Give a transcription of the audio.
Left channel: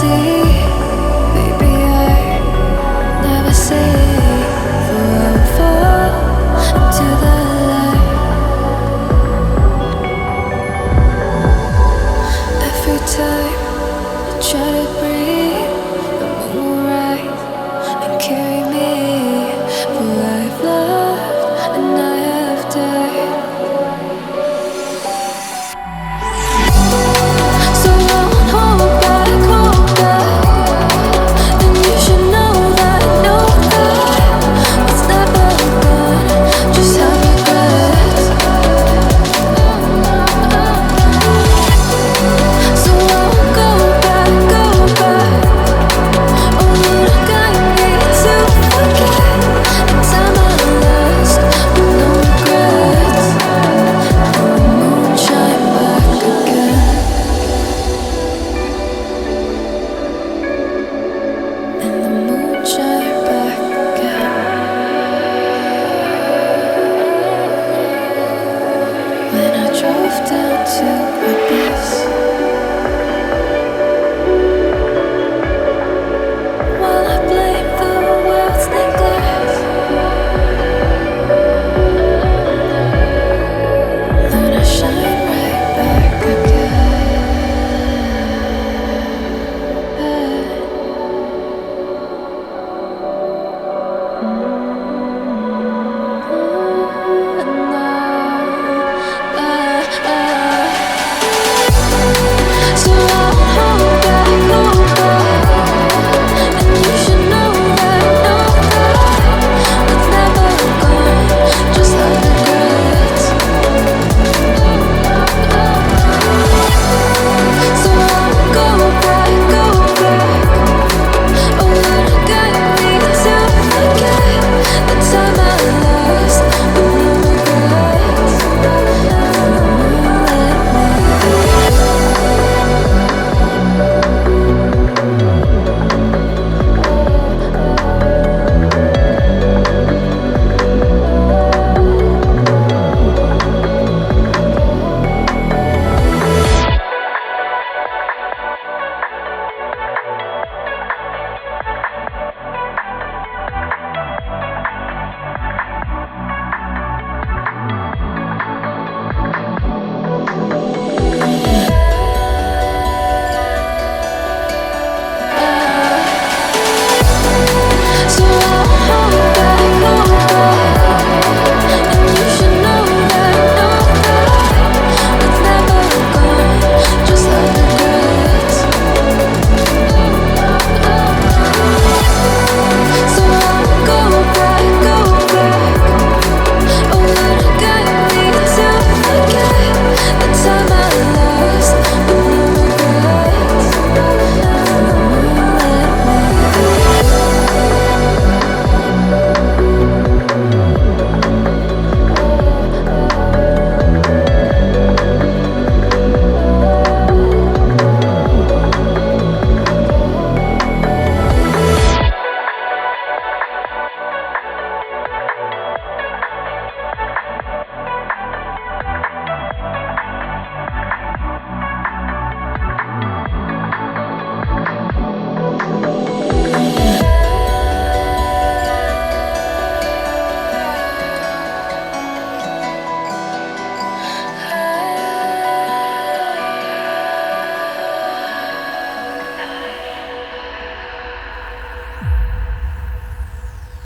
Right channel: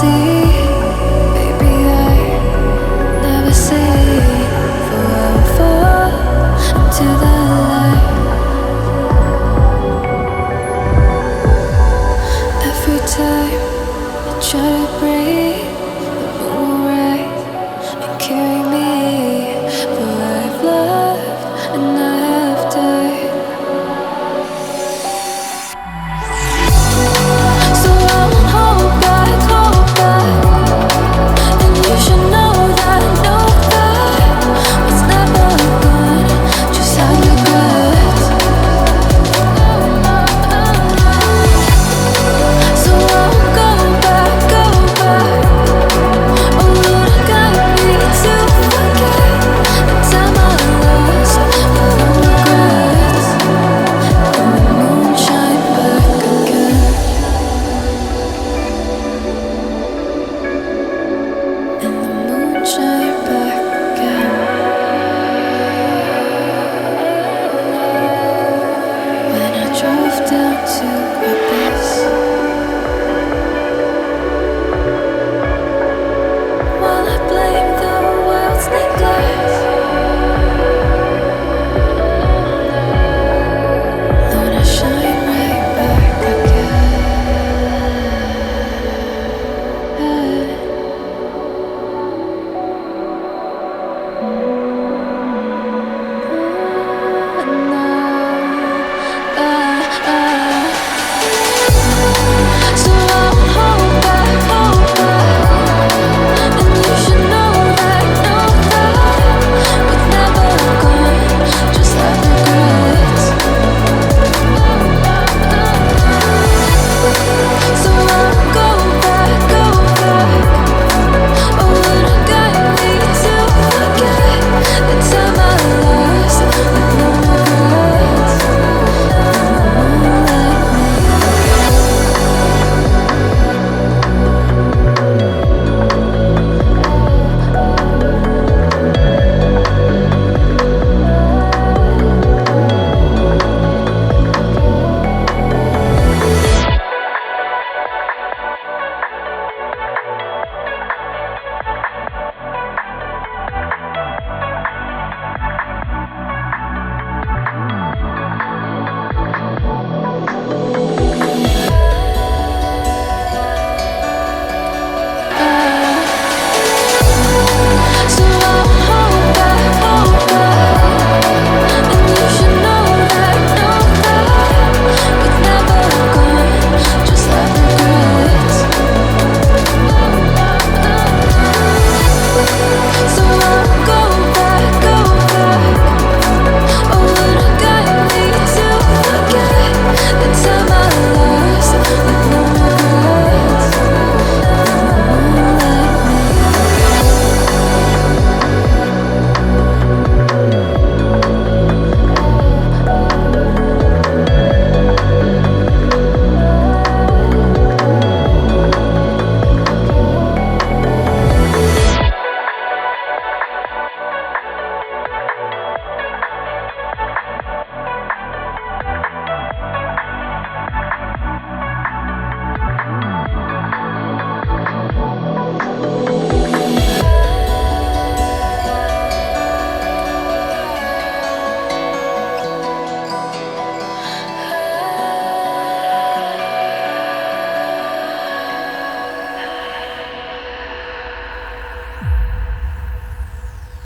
see, baby, I never say, for I will fall into the light. Every time I try to breathe, the moon will rise and carry me, for I've loved and I have died. So I won't hold back, and you should know that what's never gone just have regrets. So I won't go back. Oh Lord, got me to forget the time I lost with no regrets, and the moon shine back again. And the moon shine back again. When I drove down to my bed,